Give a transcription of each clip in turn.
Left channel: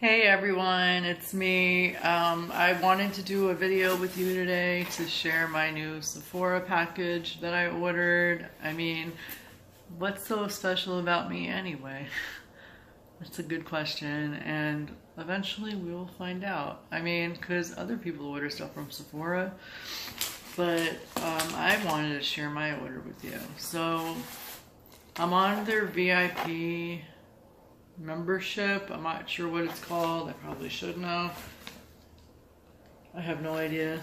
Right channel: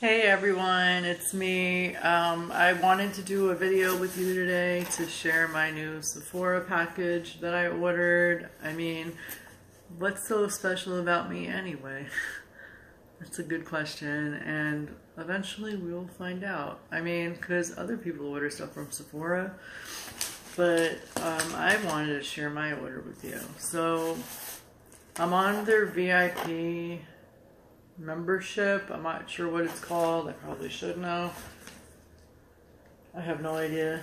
Hey everyone, it's me. I wanted to do a video with you today to share my new Sephora package that I ordered. I mean, what's so special about me anyway? That's a good question, and eventually we will find out. I mean, because other people order stuff from Sephora, but I wanted to share my order with you. So I'm on their VIP membership. I'm not sure what it's called. I probably should know. I have no idea.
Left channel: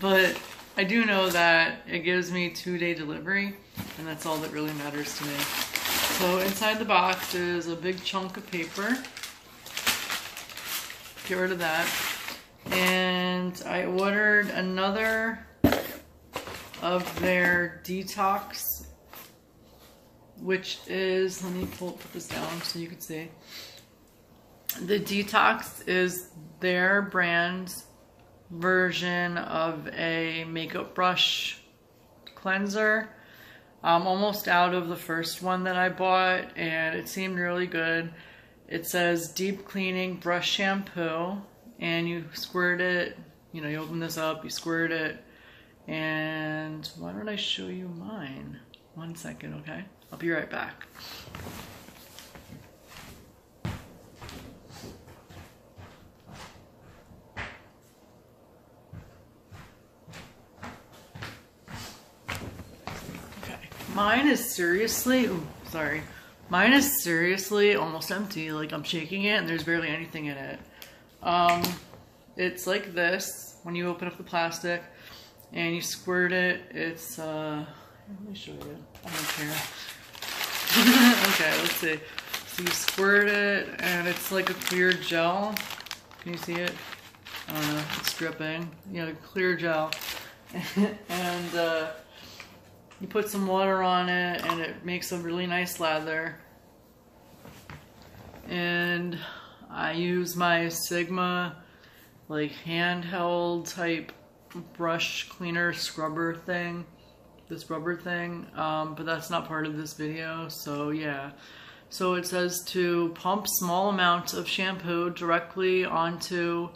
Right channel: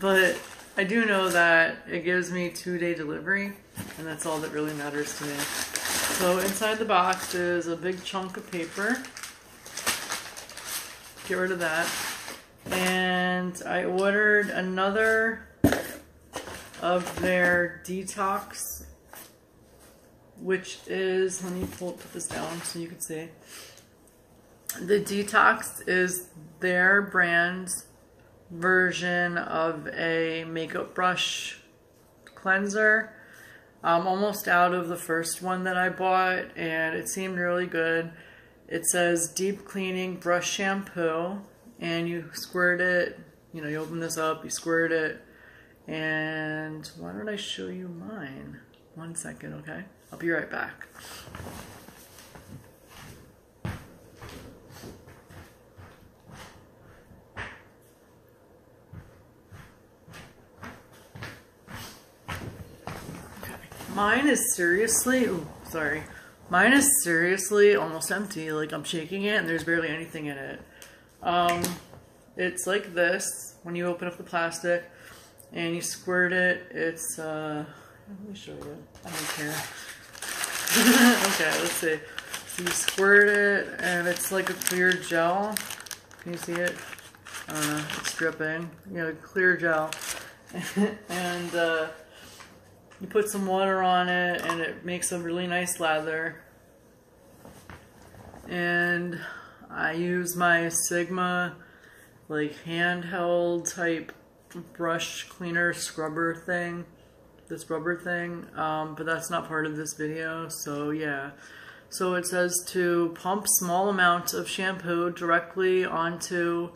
But I do know that it gives me 2-day delivery, and that's all that really matters to me. So inside the box is a big chunk of paper. Get rid of that. And I ordered another of their Detox, which is, let me put this down so you can see. The Detox is their brand's version of a makeup brush cleanser. I'm almost out of the first one that I bought, and it seemed really good. It says deep cleaning brush shampoo, and you squirt it, you know, you open this up, you squirt it, and why don't I show you mine? 1 second, okay? I'll be right back. Okay. Mine is seriously, mine is seriously almost empty. Like, I'm shaking it and there's barely anything in it. It's like this when you open up the plastic and you squirt it. It's, let me show you. I don't care. Okay, let's see. So you squirt it, and it's like a clear gel. Can you see it? I don't know. It's dripping. You know, clear gel. And you put some water on it, and it makes a really nice lather. And I use my Sigma, like, handheld type brush cleaner scrubber thing. This rubber thing, but that's not part of this video, so yeah. So it says to pump small amounts of shampoo directly onto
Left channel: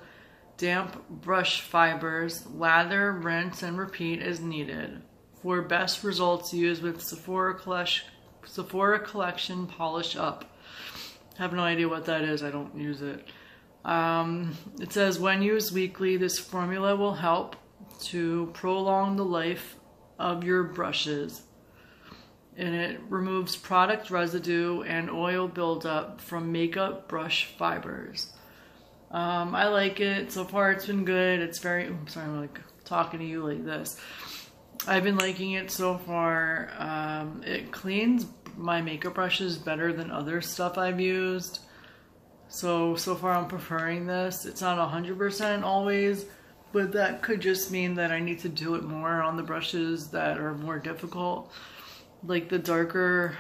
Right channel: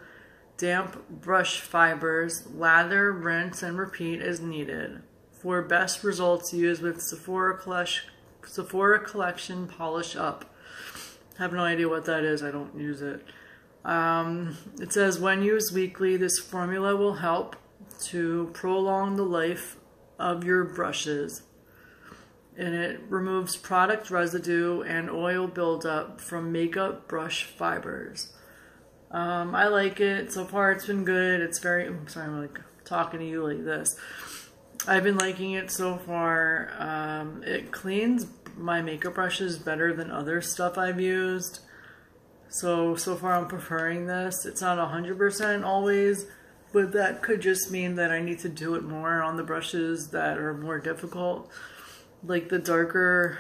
damp brush fibers, lather, rinse, and repeat as needed. For best results, use with Sephora Collection Polish Up. I have no idea what that is, I don't use it. It says when used weekly, this formula will help to prolong the life of your brushes, and it removes product residue and oil buildup from makeup brush fibers. I like it. So far it's been good. It's very, I'm sorry, I'm like talking to you like this. I've been liking it so far. It cleans my makeup brushes better than other stuff I've used. So far I'm preferring this. It's not 100% always, but that could just mean that I need to do it more on the brushes that are more difficult. Like, the darker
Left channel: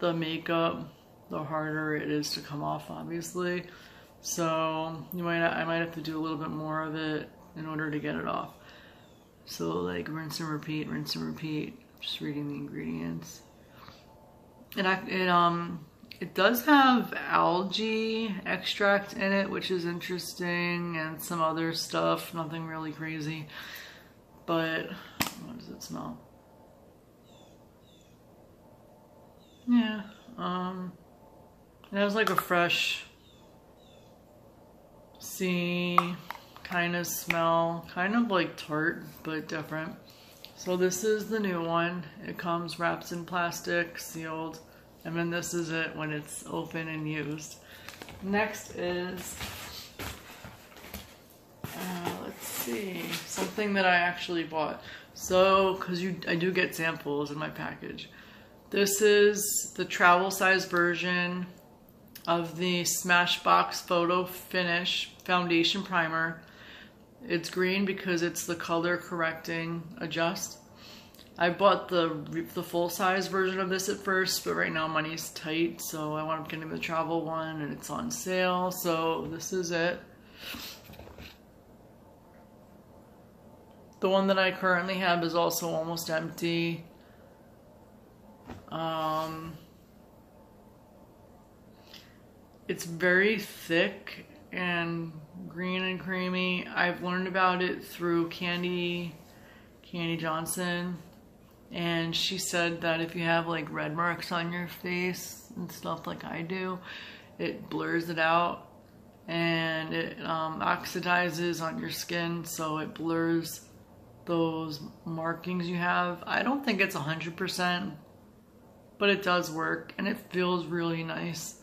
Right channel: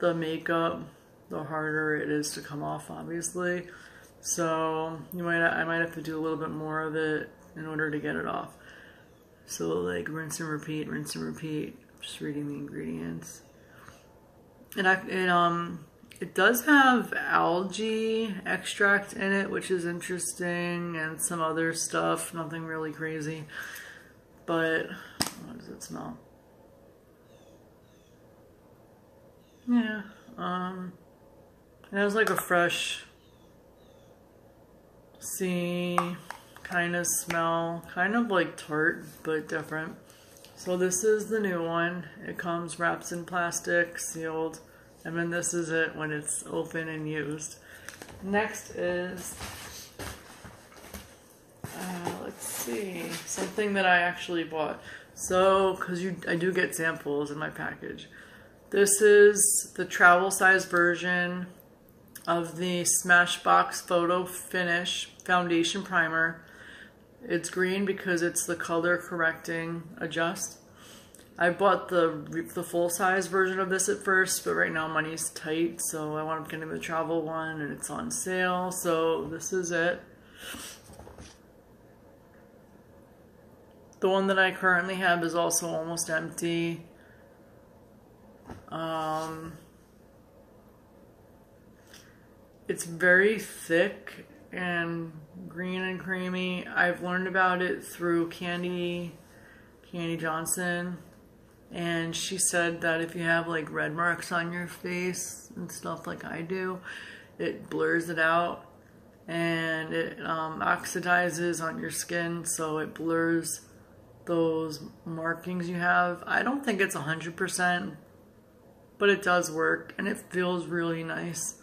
the makeup, the harder it is to come off, obviously. So I might have to do a little bit more of it in order to get it off. So like rinse and repeat, rinse and repeat. Just reading the ingredients. And it does have algae extract in it, which is interesting, and some other stuff, nothing really crazy. But what does it smell? Yeah, it has like a fresh sea kind of smell, kind of like Tarte, but different. So this is the new one. It comes wrapped in plastic, sealed. And then this is it when it's open and used. Next is, let's see, something that I actually bought. So, because I do get samples in my package. This is the travel size version of the Smashbox Photo Finish Foundation Primer. It's green because it's the color correcting adjust. I bought the full-size version of this at first, but right now money's tight, so I wound up getting the travel one, and it's on sale, so this is it. The one that I currently have is also almost empty. It's very thick and green and creamy. I've learned about it through Candy Johnson, and she said that if you have like red marks on your face and stuff like I do, it blurs it out, and it oxidizes on your skin, so it blurs those markings you have. I don't think it's 100%, but it does work, and it feels really nice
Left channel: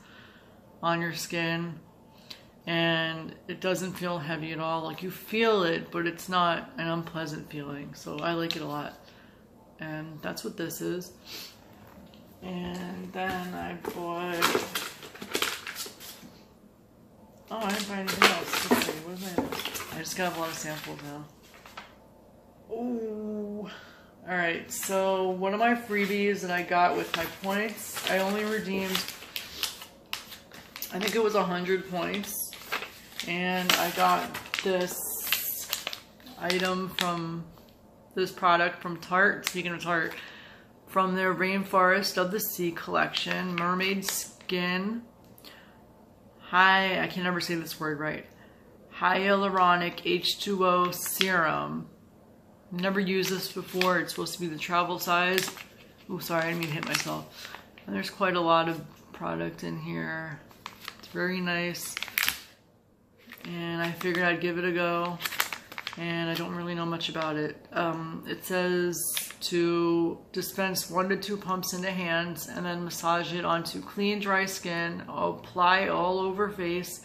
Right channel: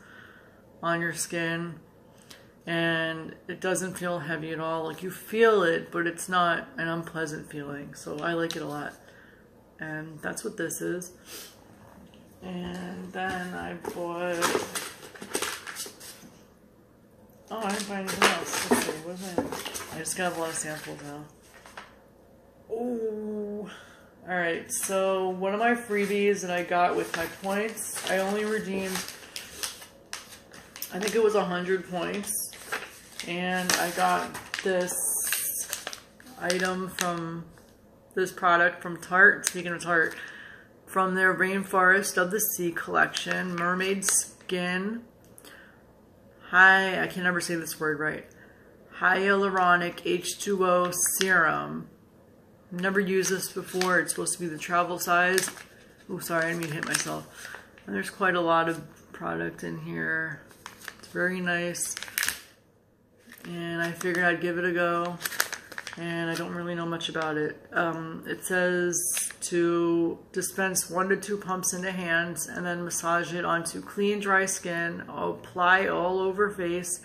on your skin, and it doesn't feel heavy at all. Like, you feel it, but it's not an unpleasant feeling, so I like it a lot. And that's what this is. And then I bought, oh, I didn't buy anything else. Let's see, what is it? I just got a lot of samples now. Oh, all right, so one of my freebies that I got with my points, I only redeemed, I think it was 100 points, and I got this item from, this product from Tarte, speaking of Tarte, from their Rainforest of the Sea collection, Mermaid Skin, I can never say this word right, Hyaluronic H2O Serum. Never used this before. It's supposed to be the travel size. Oh, sorry, I didn't mean to hit myself. And there's quite a lot of product in here. It's very nice. And I figured I'd give it a go. And I don't really know much about it. It says to dispense 1 to 2 pumps into hands and then massage it onto clean, dry skin. Apply all over face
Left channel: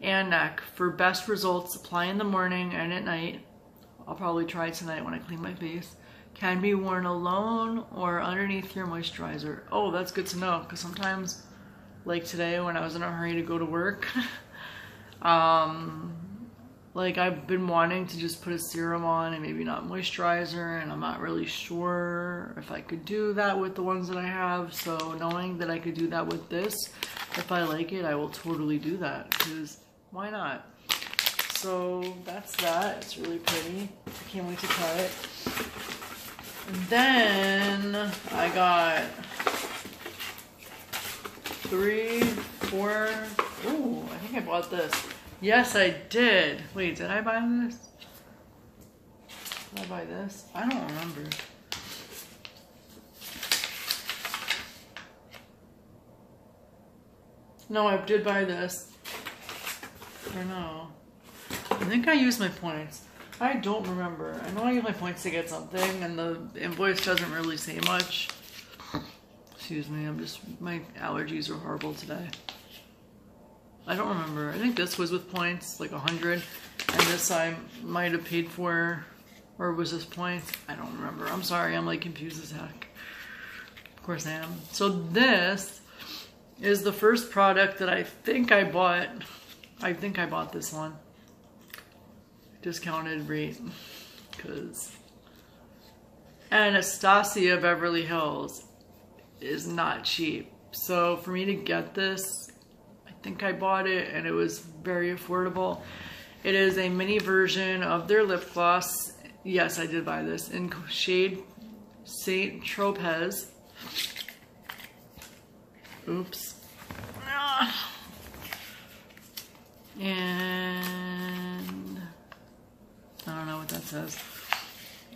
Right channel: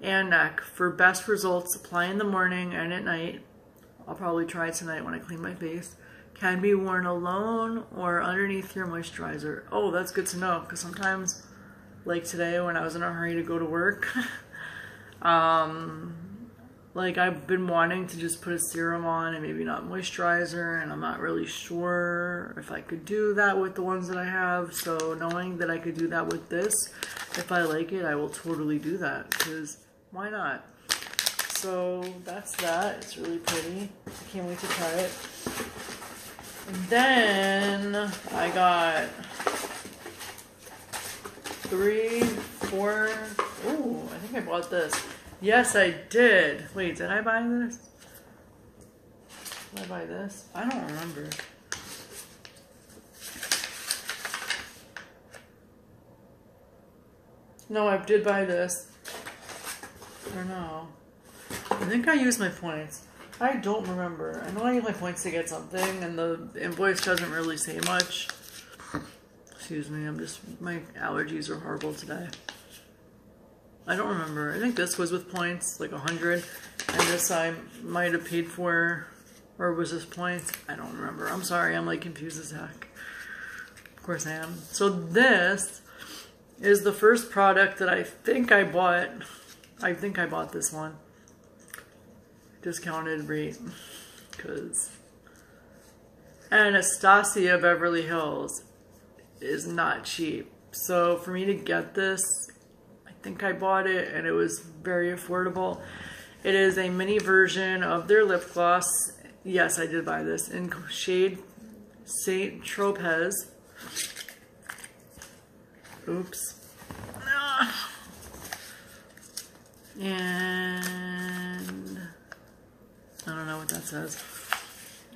and neck. For best results, apply in the morning and at night. I'll probably try it tonight when I clean my face. Can be worn alone or underneath your moisturizer. Oh, that's good to know, because sometimes, like today when I was in a hurry to go to work, like I've been wanting to just put a serum on and maybe not moisturizer, and I'm not really sure if I could do that with the ones that I have. So knowing that I could do that with this, if I like it, I will totally do that, because why not? So that's that. It's really pretty. I can't wait to try it. And then I got 3, 4. Ooh, I think I bought this. Yes, I did. Wait, did I buy this? Did I buy this? I don't remember. No, I did buy this. Or no. I think I used my points. I don't remember. I know I used my points to get something, and the invoice doesn't really say much. Excuse me, my allergies are horrible today. I don't remember. I think this was with points, like 100. And this I might have paid for, or was this points? I don't remember. I'm sorry, I'm like confused as heck. Of course I am. So this is the first product that I think I bought. I think I bought this one. Discounted rate, because Anastasia Beverly Hills is not cheap. So for me to get this, I think I bought it and it was very affordable. It is a mini version of their lip gloss. Yes, I did buy this in shade Saint Tropez. Oops. And I don't know what that says.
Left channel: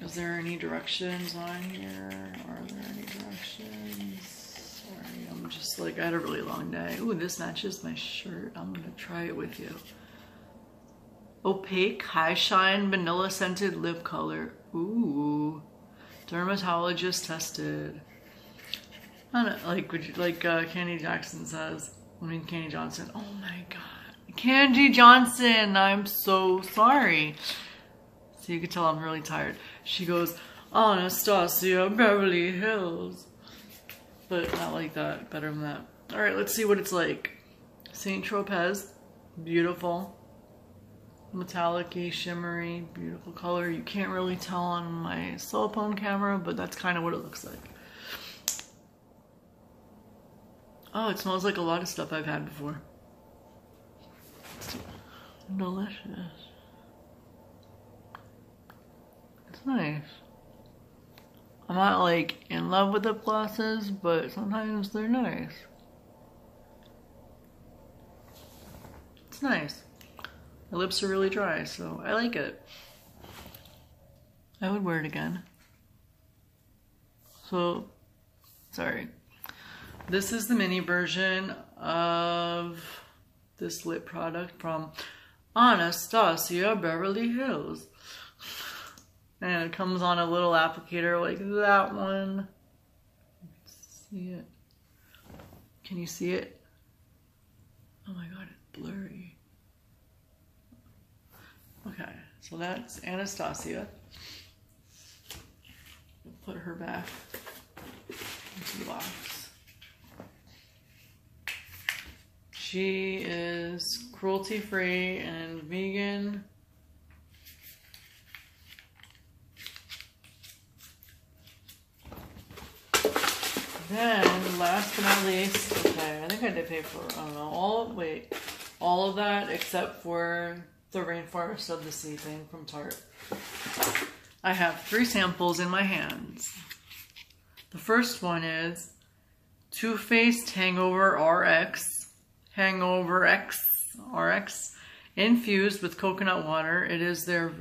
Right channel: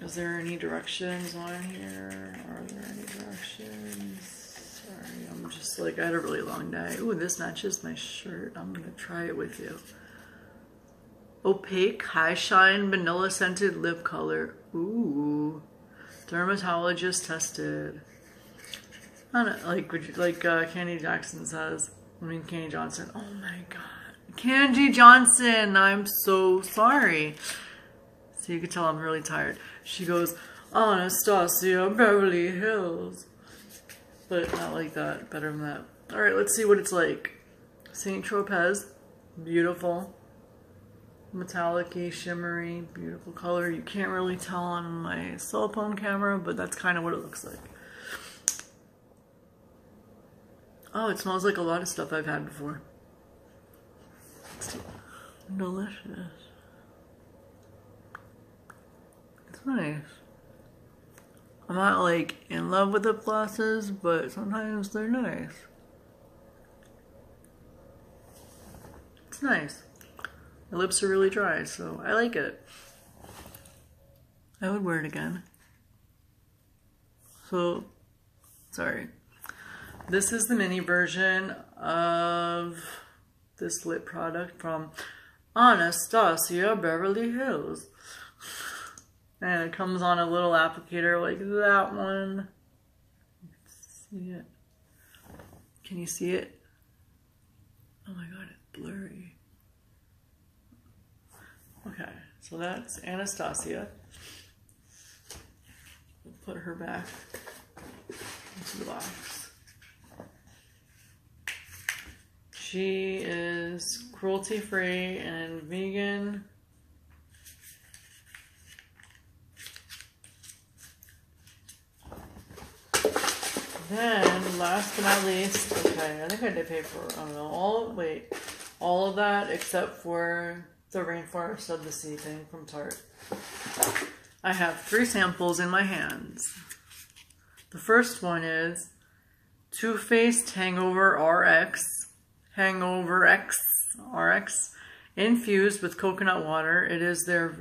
Is there any directions on here? Are there any directions? Sorry, I'm just like, I had a really long day. Ooh, this matches my shirt. I'm gonna try it with you. Opaque, high shine, vanilla scented lip color. Ooh. Dermatologist tested. I don't know, like Candy Jackson says. Candy Johnson. Oh my god. Candy Johnson, I'm so sorry. So you can tell I'm really tired. She goes, Anastasia Beverly Hills. But not like that, better than that. Alright, let's see what it's like. Saint Tropez, beautiful. Metallic-y, shimmery, beautiful color. You can't really tell on my cell phone camera, but that's kind of what it looks like. Oh, it smells like a lot of stuff I've had before. Delicious. It's nice. I'm not like in love with lip glosses, but sometimes they're nice. It's nice. My lips are really dry, so I like it. I would wear it again. So, sorry. This is the mini version of this lip product from Anastasia, Beverly Hills. And it comes on a little applicator like that one. See it? Can you see it? Oh my god, it's blurry. Okay, so that's Anastasia. We'll put her back into the box. She is cruelty-free and vegan. Then, last but not least, okay, I think I did pay for, I don't know, all of that except for the Rainforest of the Sea thing from Tarte. I have 3 samples in my hands. The first one is Too Faced HangoverX RX, infused with coconut water. It is their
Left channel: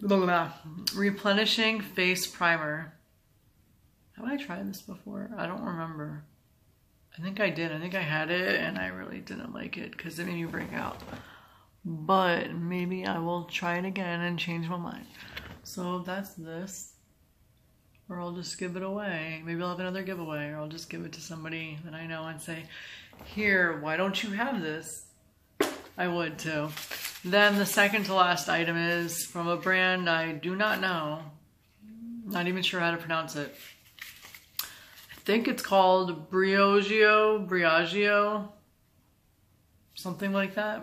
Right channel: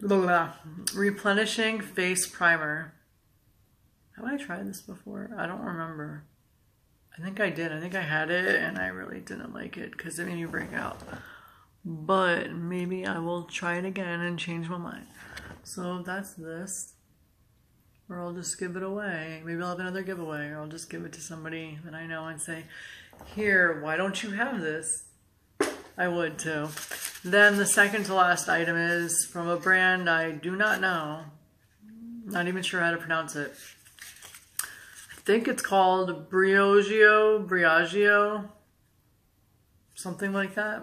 Replenishing Face Primer. Have I tried this before? I don't remember. I think I did. I think I had it and I really didn't like it because it made me break out. But maybe I will try it again and change my mind. So that's this. Or I'll just give it away. Maybe I'll have another giveaway, or I'll just give it to somebody that I know and say, here, why don't you have this? I would too. Then the second to last item is from a brand I do not know. Not even sure how to pronounce it. I think it's called Briogeo, something like that.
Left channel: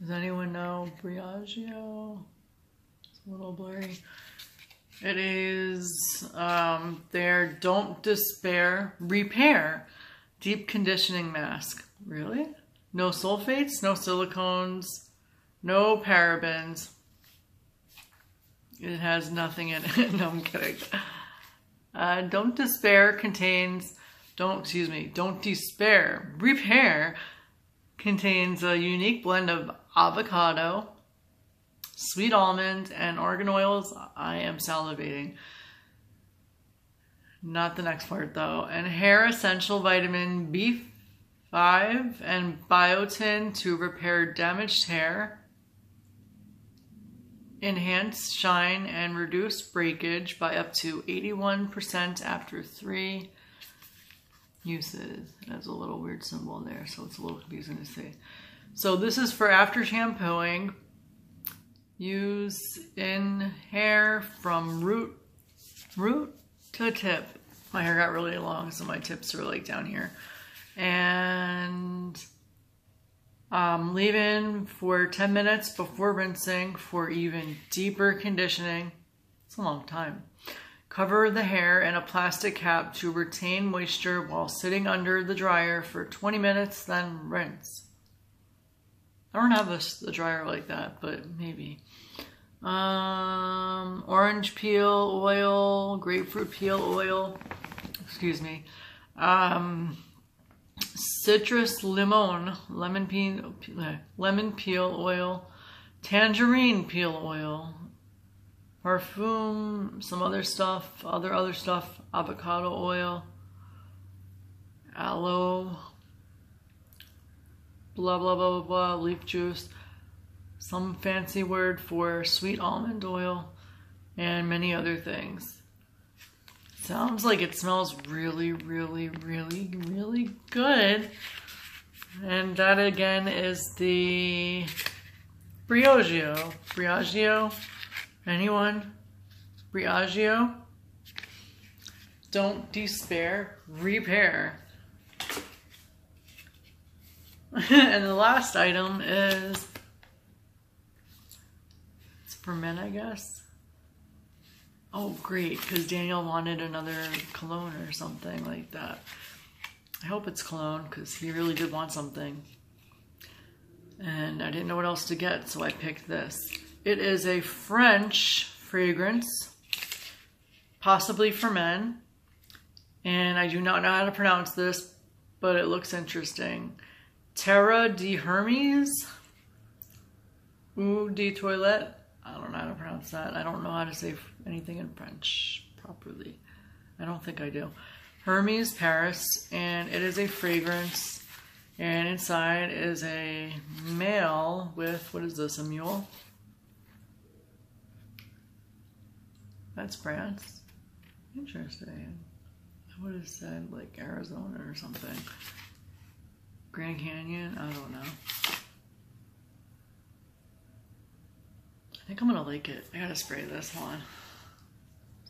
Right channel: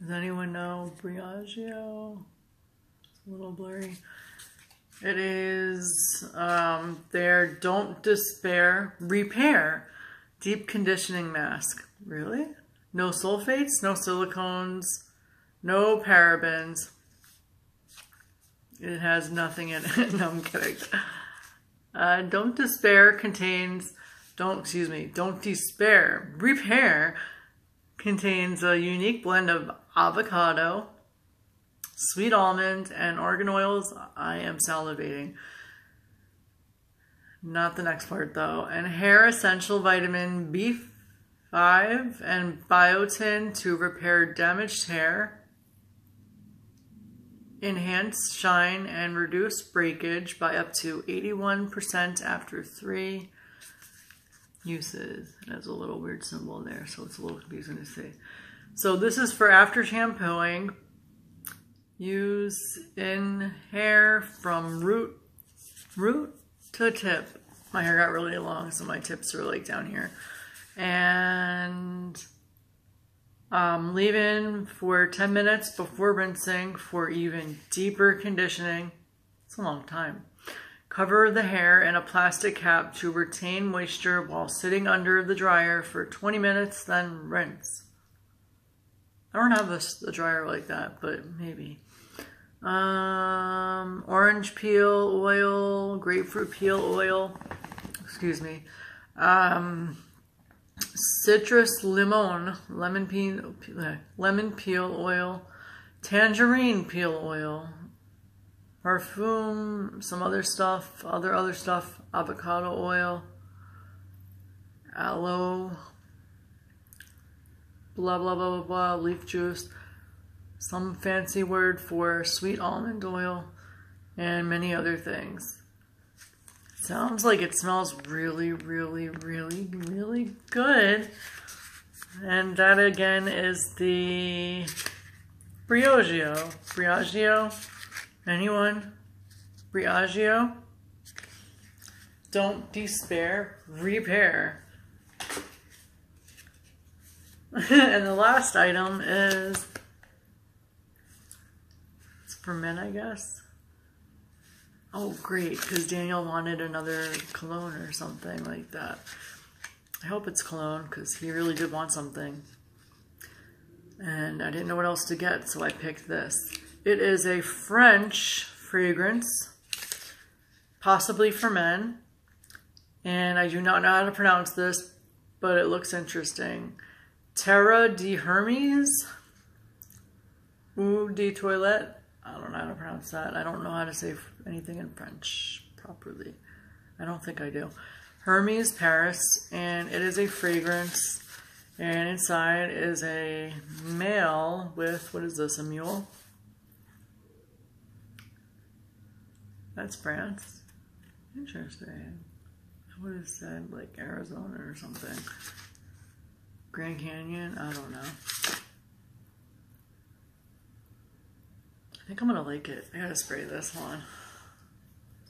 Does anyone know Briogeo? It's a little blurry. It is their Don't Despair Repair Deep Conditioning Mask. Really? No sulfates, no silicones, no parabens. It has nothing in it. No, I'm kidding. Don't Despair contains, Don't Despair Repair contains a unique blend of avocado, sweet almond, and argan oils. I am salivating. Not the next part though. And hair essential vitamin B5 and biotin to repair damaged hair, enhance shine, and reduce breakage by up to 81% after 3 uses. It has a little weird symbol there, so it's a little confusing to see. So this is for after shampooing. Use in hair from root to tip. My hair got really long, so my tips are like down here. And leave in for 10 minutes before rinsing for even deeper conditioning. It's a long time. Cover the hair in a plastic cap to retain moisture while sitting under the dryer for 20 minutes, then rinse. I don't have a dryer like that, but maybe. Orange peel oil, grapefruit peel oil, excuse me. Citrus lemon peel oil, tangerine peel oil, parfum, some other stuff, other stuff, avocado oil, aloe, blah, blah, blah, blah, blah, leaf juice, some fancy word for sweet almond oil, and many other things. Sounds like it smells really, really, really, really good. And that again is the Briogeo. Briogeo? Anyone? Briogeo? Don't Despair, Repair. And the last item is, it's for men, I guess. Oh, great, because Daniel wanted another cologne or something like that. I hope it's cologne, because he really did want something. And I didn't know what else to get, so I picked this. It is a French fragrance, possibly for men. And I do not know how to pronounce this. but it looks interesting. Terre D'Hermes Eau de Toilette. I don't know how to pronounce that. I don't know how to say anything in French properly. I don't think I do. Hermes, Paris, and it is a fragrance. And inside is a male with, what is this, a mule? That's France. Interesting. I would have said like Arizona or something. Grand Canyon, I don't know. I think I'm gonna like it. I gotta spray this one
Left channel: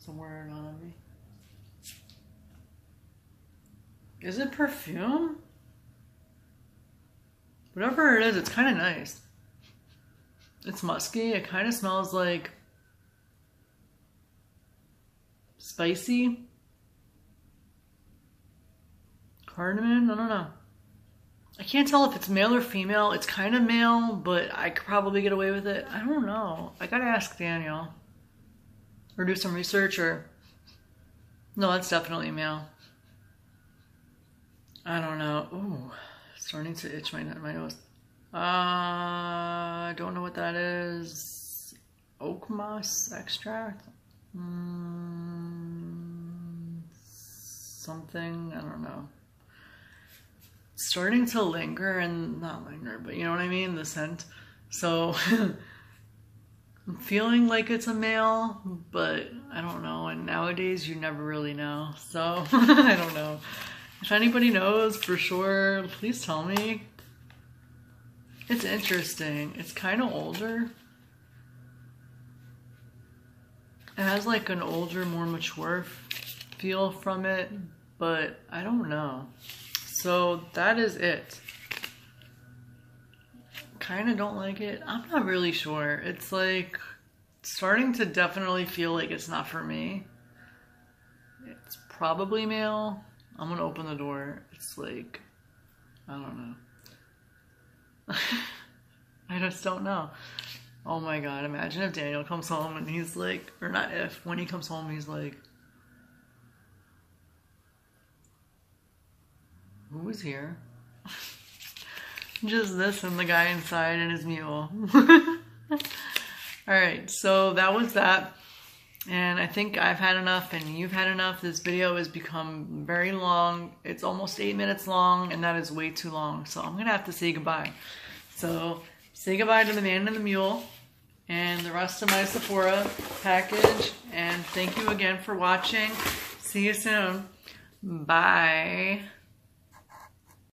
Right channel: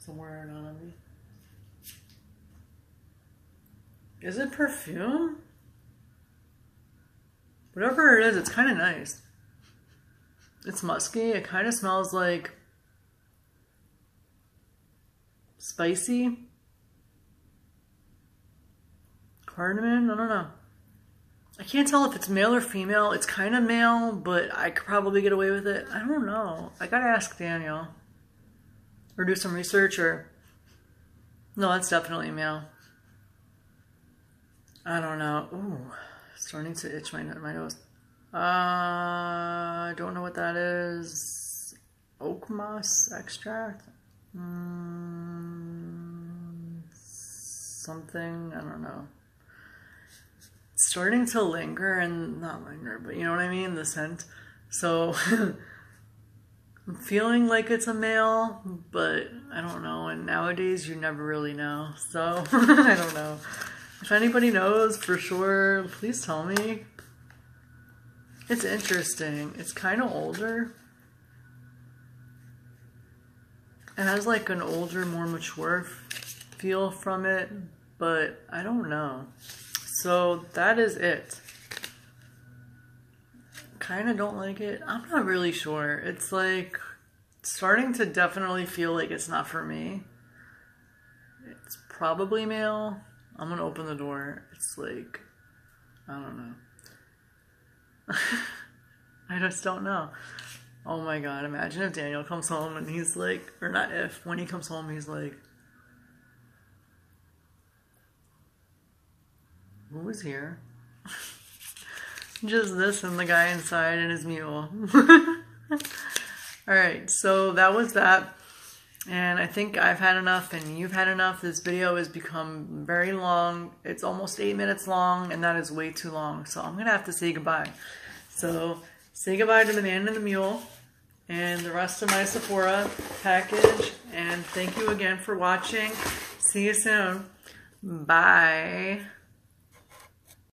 somewhere on me. Is it perfume? Whatever it is, it's kind of nice. It's musky. It kind of smells like spicy. Cardamom? I don't know. I can't tell if it's male or female. It's kind of male, but I could probably get away with it. I don't know. I gotta ask Daniel. Or do some research, or... No, that's definitely male. I don't know. Ooh, starting to itch my nose. I don't know what that is. Oak moss extract? Something, I don't know. It's starting to linger, and not linger, but you know what I mean? The scent. So, I'm feeling like it's a male, but I don't know. And nowadays, you never really know. So, I don't know. If anybody knows for sure, please tell me. It's interesting. It's kind of older. It has like an older, more mature feel from it, but I don't know. So that is it. Kind of don't like it. I'm not really sure. It's like starting to definitely feel like it's not for me. It's probably male. I'm gonna open the door. It's like, I don't know. I just don't know. Oh my God, imagine if Daniel comes home and he's like, or not if, when he comes home he's like, who was here? Just this and the guy inside and his mule. Alright, so that was that. And I think I've had enough and you've had enough. This video has become very long. It's almost 8 minutes long, and that is way too long. So I'm going to have to say goodbye. So say goodbye to the man and the mule and the rest of my Sephora package. And thank you again for watching. See you soon. Bye.